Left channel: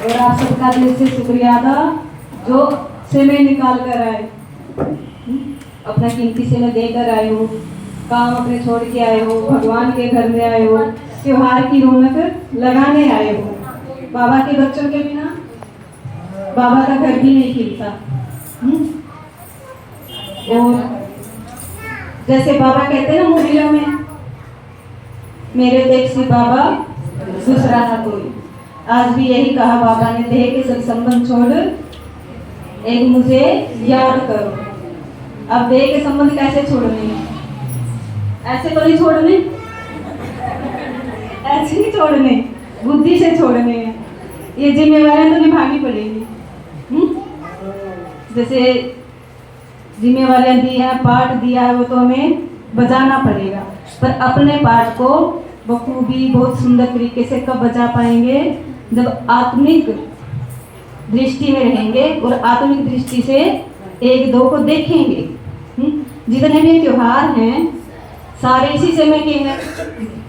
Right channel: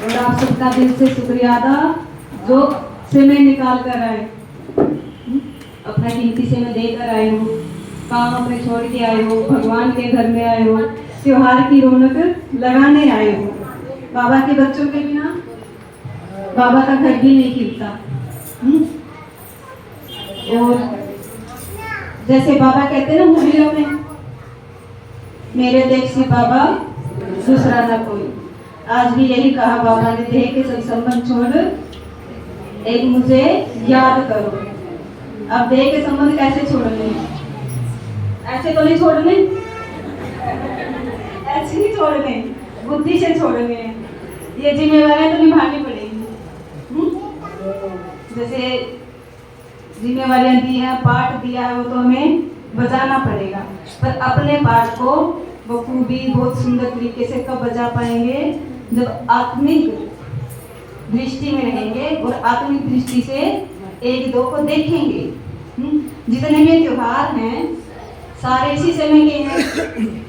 और आप सबका दिल से शुक्रिया अदा जो समय निकाल कर आए, अपना कीमती समय देकर आए हो, काम अपने छोड़ के आए हो, भगवान के घर में आए हो, त्योहार की रौनक लगाने आए हो। बाबा के बच्चों के बिना बाबा का घर भी नहीं खिलता। और जैसे बाबा कहते हैं ना मूवियों में, मेरे देख से बाबा दूसरा ना कोई, आज भी यही कहा बाबा ने, देह के सब संबंध छोड़ एक मुझे याद करो। अब देह के संबंध कैसे छोड़ने हैं? ऐसे तो नहीं छोड़ने, ऐसे नहीं छोड़ने, बुद्धि से छोड़ने हैं। ये जिम्मेवारियां तो निभानी पड़ेगी। जैसे जिम्मेवारियां दी है, पाठ दिया है, वो तो हमें बजाना पड़ेगा, पर अपने पाठ को बखूबी बहुत सुंदर तरीके से कब बजा पाएंगे? जब आत्मिक दृष्टि में रहेंगे और आत्मिक दृष्टि से एक दो को देखेंगे। जितने भी त्योहार हैं सारे इसी समय के हैं,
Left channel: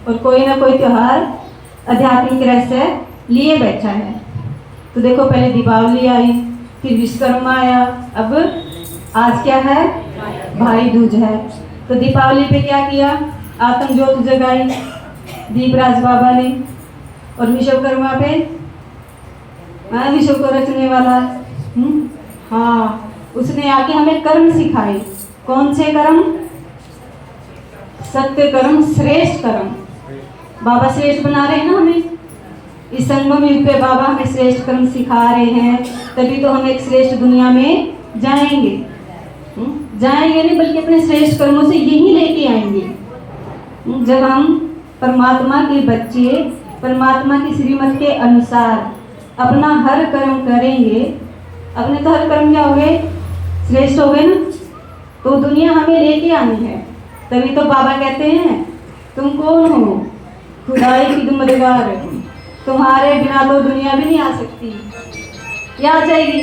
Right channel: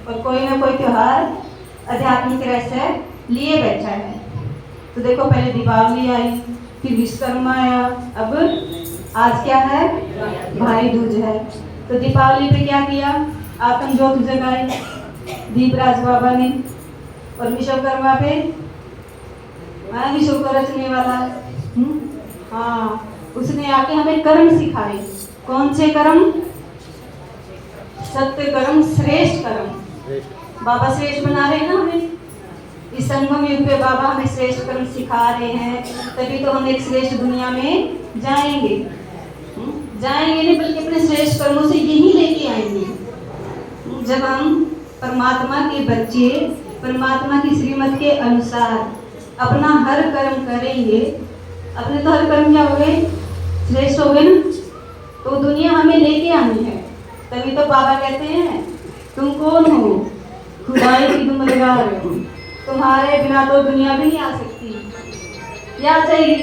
और कोई ना कोई त्योहार आध्यात्मिक रहस्य लिए बैठा है। तो देखो, पहले दीपावली आई, फिर विश्वकर्मा आया, अब आज क्या है? भाई दूज है। तो दीपावली पे क्या किया? आत्म ज्योत जगाई दीपराज बाबा ने, और विश्वकर्मा पे विश्व को रचने वाला हाँ, उसने आके हमें कर्म सिखाए। कौन से कर्म? सत्य कर्म, श्रेष्ठ कर्म। बाबा श्रेष्ठ बना रहे हैं ना हमें। इस संगम युग पे बाबा हमें श्रेष्ठ कर्म सिखा रहे हैं, तभी तो हम एक श्रेष्ठ दुनिया में जाएंगे। जाएंगे नहीं, बल्कि अपने श्रेष्ठ कर्मों से यही लेके आएंगे। जब हम परमात्मा के बच्चे, परमात्मा की श्रीमत के अनुसार अपना हर कर्म करेंगे, अपने तो हर कर्म क्या हो गए? श्रेष्ठ हो गए ना। तो दुनिया हमें लेके आनी है, तभी तो बाबा कहते हैं तुम कौन हो? खुदाई की दुमदगार, तुम्हारे बिना तो दुनिया भी नहीं आ सकती। क्या आ जाएगी?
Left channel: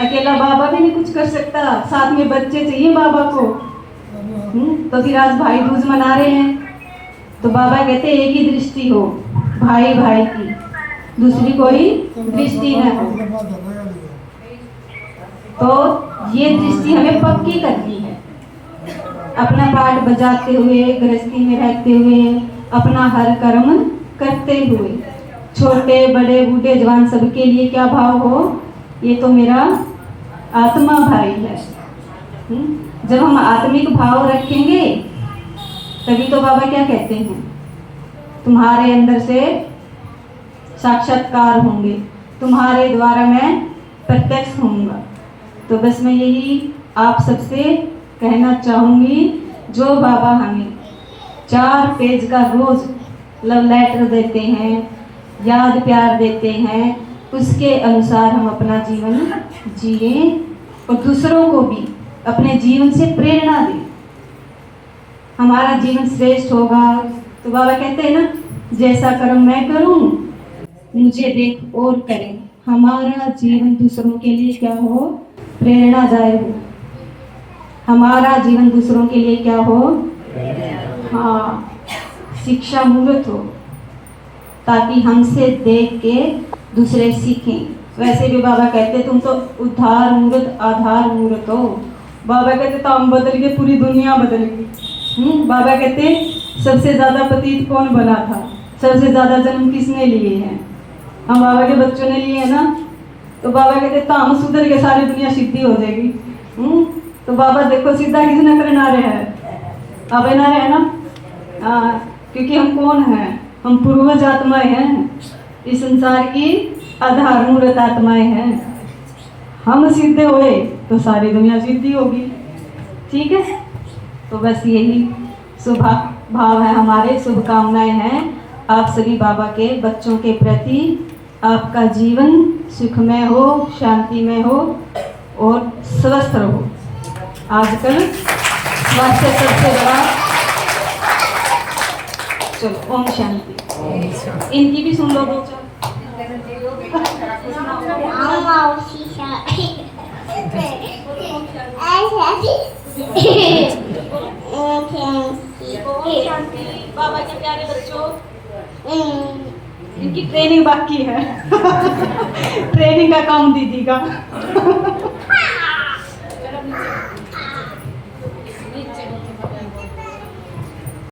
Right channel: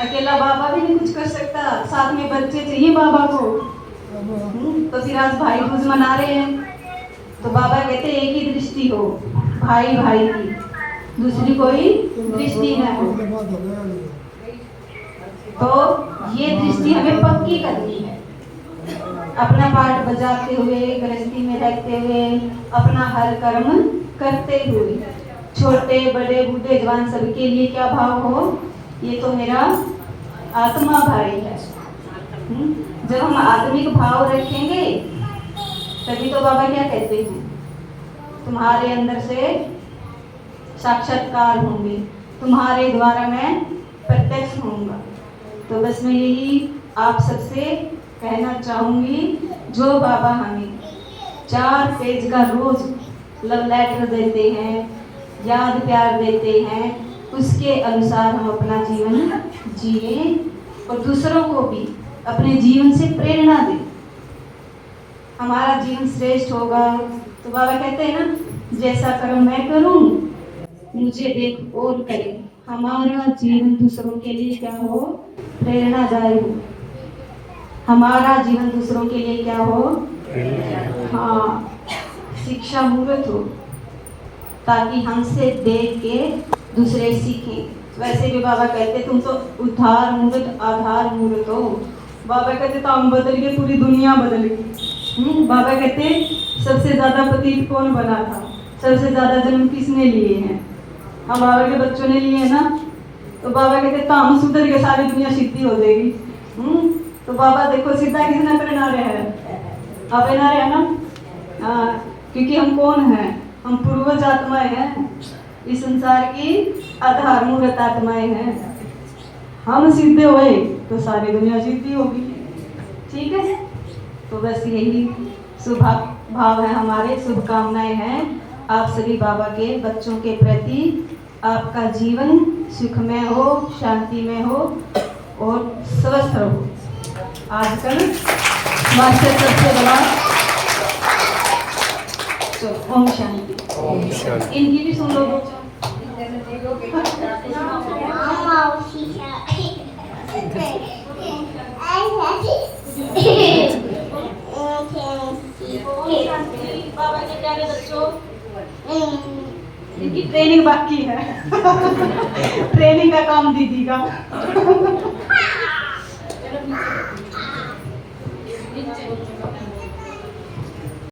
अकेला बाबा भी नहीं कुछ कर सकता, साथ में बच्चे चाहिए बाबा को। तो फिर आज भाई दूज मना रहे हैं, तो बाबा कहते हैं एक ही दृष्टि हो भाई भाई की, दूसरी कोई दृष्टि न हो। तो ये दृष्टि हमें पक्की करनी है। अपना पाठ बजाते हुए, गृहस्थी में रहते हुए, अपना हर कर्म करते हुए, छोटे बड़े बूढ़े जवान सबके लिए क्या भाव हो? ये तो मेरा आत्मा भाई है। जब हम आत्मिक भाव रखेंगे तभी तो बाबा क्या कहते हैं? तुम्हारे अंदर से साक्षात्कार होंगे, तुम्हारे द्वारा मैं प्रत्यक्ष होऊंगा। तो बस मैं यही आप सबसे कहना चाहूंगी, जो बाबा हमें 4 पेज का रोज लव लेटर देते हैं, याद प्यार देते हैं, उसके अनुसार हम अपना जीवन जिए और दूसरों को भी अपने जीवन से प्रेरणा दें। हमारा जीवन श्रेष्ठ होगा। तो बाबा कहते हैं ना, जैसा कर्म मैं करूं मुझे देख और करें। हमारा जीवन दूसरों के लिए क्या हो? प्रेरणादायक हो। हमारा जीवन दूसरों के लिए क्या हो? हाँ, शिक्षा मूर्त हो, ताकि हमसे देख के दूसरे सीखें। वैसे भी बाबा कहते तुम तो उद्धार मूर्त, आधार मूर्त हो। बाबा कहते तो हम बदल गए, पूरी दुनिया बदल गई। बाबा कहते सबसे ज्यादा पतित कौन बना था? सबसे ज्यादा जन्म किसने लिए हैं? हम बाबा के बच्चों ने लिए है ना। तो बाबा कहते तो हम सुधर के सारी दुनिया सीधी हो जाएगी। तो बाबा देखो सीधा किसने करना रहा है? बाबा ना रहे ना। क्योंकि हम कौन हैं? हम पूर्वज आत्माएं हैं, इस संसार की आधार मूर्त आत्माएं हैं। हम सीधे हुए तो सारी दुनिया सीधी होगी। ठीक है, तो बस यही शुभ भाव है हमारे, शुभकामनाएं हैं आप सभी बाबा के बच्चों के प्रति। आपका जीवन सुखमय हो, शांति में हो और स्वस्थ रहो। आजकल सबसे बड़ा चलो ओम शांति। इनकी भी सुन लो दो बाबा के प्यारे बच्चों, इनकी ट्रेनिंग बाकी है। ट्रेनिंग का काम दीदी का।